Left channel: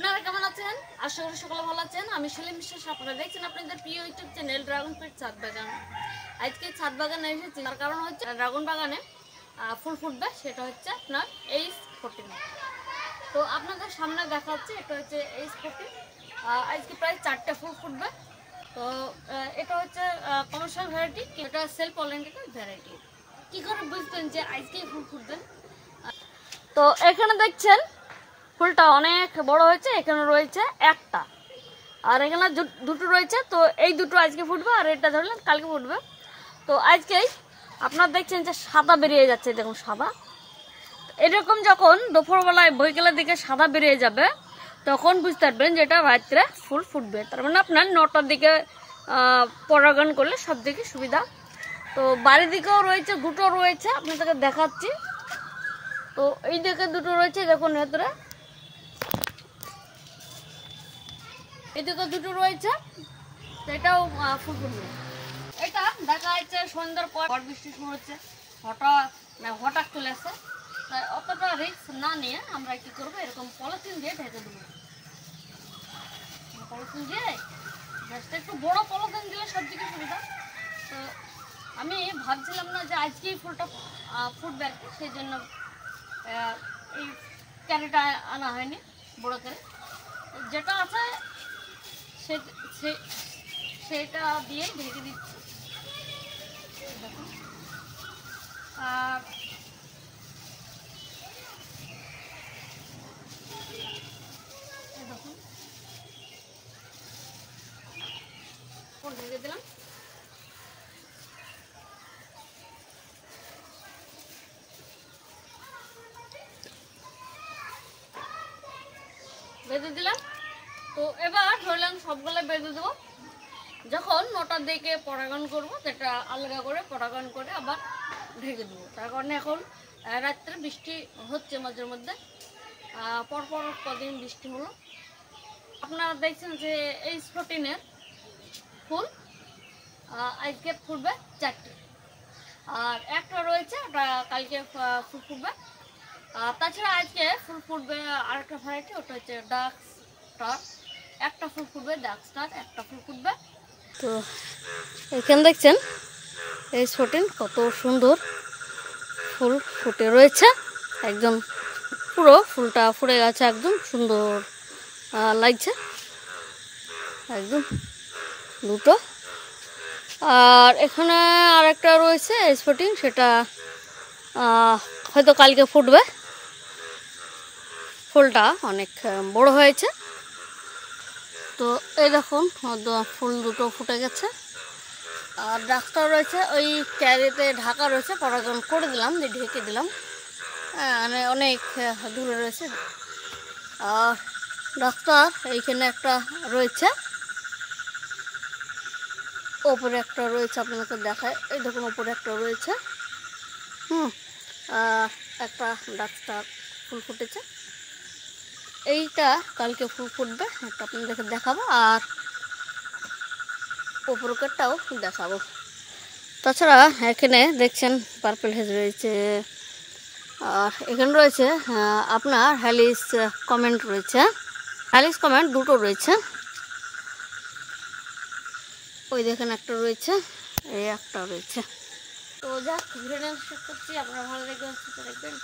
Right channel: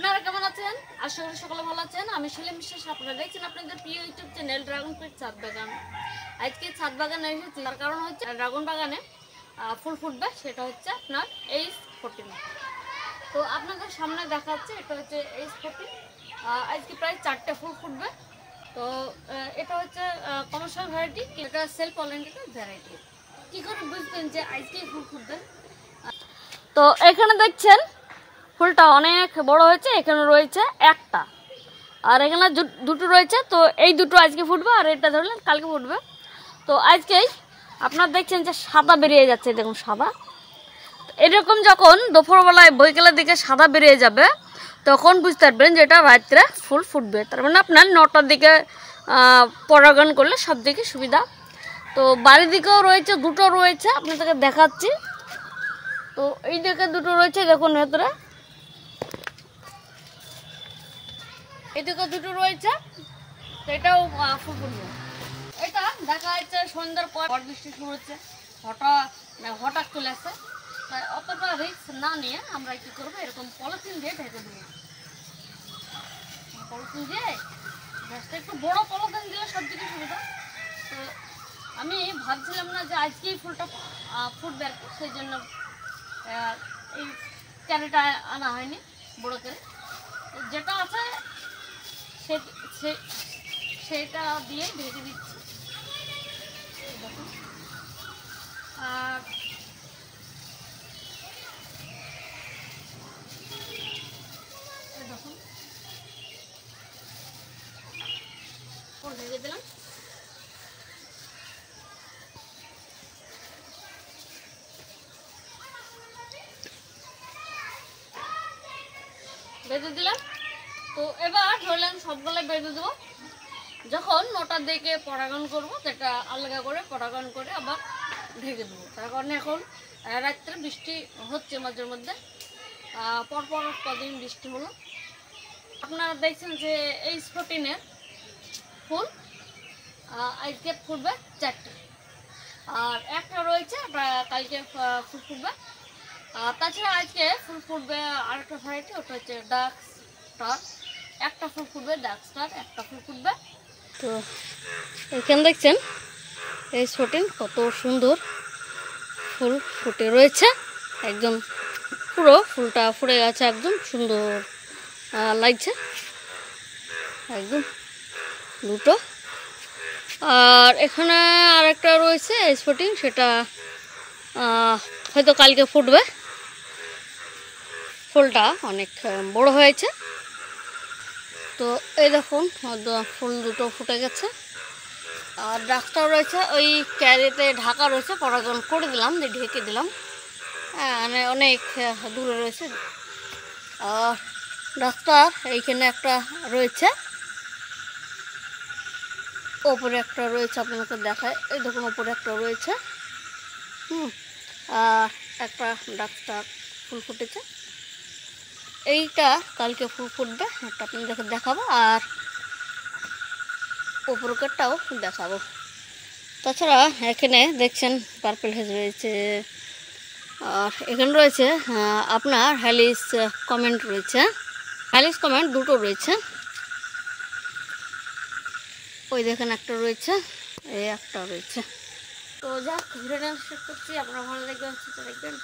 আপনারা কেমন আছেন? আশা করি সকলে ভালো আছেন। আমি সেলিম বিশ্বাস, আপনারা দেখছেন আপনাদের প্রিয় ইউটিউব চ্যানেল ড্রাগন ফ্রুট ছাদ বাগান। আজকে ছাদ বাগানে এসেছি, তার কারণ হচ্ছে ড্রাগন বাগানে ফুল ফুটবে, সেটা হচ্ছে আপনার H14। তো আপনাদের সামনে দেখা যাচ্ছে এটা হচ্ছে H14। আজকে প্রায় 4টে ফুল ফুটবে। তো এটা হচ্ছে কমার্শিয়াল ভ্যারাইটি, এটা সেলফ পলিনেটেড ভ্যারাইটি। কী করে বুঝবেন যে আজকেই ফুল ফুটবেন? তো এখানে দেখছেন ফুলটা অনেক বড় হয়েছে, এখানে রয়েছে একটা, আর এখানে দুটো রয়েছে। তো এই দুটো আজকে ফুটবে, আর এটা ধরলেন কালকে ফুটবে। তো আজকেই আপনারা দেখছেন যে সাদা বেরিয়ে যাচ্ছে, দেখুন সাদা। এরকম যখন দুপুরবেলায় বৈকালের দিকে সাদা বেরিয়ে যাবে, তখন বুঝতে পারবেন যে এটা রাত্রে ফুল ফুটবে। তার মানে আপনার 9টার দিকে পরাগায়ন করলে সব দিকে সুবিধা। তো বাড়ির দিকেও রয়েছে, দুটো রয়েছে, আপনাদেরকে দেখাচ্ছি। তো এই দিকে দুটো রয়েছে, দেখুন ভেতরে এদিকে দুটো রয়েছে। তো এটাও ফুল ফুটবে। এটা দেখা যাচ্ছে সন্ধ্যার পর বৃষ্টি শুরু হচ্ছে, হঠাৎ চলে আসছে। তাই অতটা রিস্ক না নিয়ে আমরা কি করবো, এরকম পলিথিন দিয়ে ঢেকে দেবো। পলিথিন দিয়ে গাছটা একটু বড় পলিথিন দিলে সব দিকে সুবিধা। তো আমি ভাবছিলাম না যে আজকেই ফুলটা ফুটবে আর কি, সেই জন্য এই ক্যারেটা আনা হয়নি, বড় ক্যারে। যেটা আছে সেটা দিয়ে ঢেকে দিচ্ছি, দেখুন। আর দেখুন ঢেকে দিলাম। বেঁধে দিলাম। তো এবার ধরলাম সবগুলো বেঁধে দেবো। যখন 9টার দিকে পরাগায়ন করবো, সেটা আলাদা করে পরাগায়ন করে আবার ঢেকে দেবো। তার কারণে এখন রাত্রে বৃষ্টি হচ্ছে মাঝে মধ্যে, পরপর কদিন বৃষ্টি হলো। আপনারা দেখছেন যে H14-এর ফুল আজকে ফুটবে 4টে, আর একটা রয়েছে, ওটা কালকে ফুল ফুটবে। তাছাড়া আজকে ফুল ফুটবে আরেকটা ভ্যারাইটি, ওটা হচ্ছে ডার্ক স্টার। একটা ফুল ফুটবে ডার্ক স্টার, একটা ফুল ফুটবে। তো এখানে দেখছেন H14 কত সুন্দর ফুল ফুটে রয়েছে, একদম পুরো ফুলটা ফুটে গেছে, একদম সুন্দর লাগছে একদম দুটো। আর এখানে আরেকটা রয়েছে H14, সেটা হয়তো কালকে ফুটবে। ফুলটা অনেক বড় হয়েছে। তো এই দেখুন ফুল দুটো ফুটে গেছে। আর ডাক্তার রয়েছে ওই ক্যারিতে ঢাকা রয়েছে, পরাগায়ন করে দিলাম, দিয়ে ঢেকে দিলাম। মানে অনেক দূরে রয়েছে। আর ডাক্তার এইখানে একটা রয়েছে, ওপরে একটা রয়েছে, আপনাকে দেখায়, এই দেখুন ওপরে একটা রয়েছে। আর একটা ডাক্তার ফুল ফুটেছে, এইটা কালকে ফুল ফুটবে, এটা আপনাদেরকে দেখাবো। আর ওপরকারটাও দেখাবো। তাছাড়া এখানে দেখছেন পার্পল হেজ রয়েছে, আর এখানে রয়েছে আপনার হ্যালিস কমেন্ট রয়েছে, হ্যালিস কমেন্ট দুটো রয়েছে। ওই দেখেন একটা রয়েছে, এই একটা রয়েছে। তো যাক, ভিডিওটা শেষ করছি। আপনারা ভালো লাগবে, দেখবেন।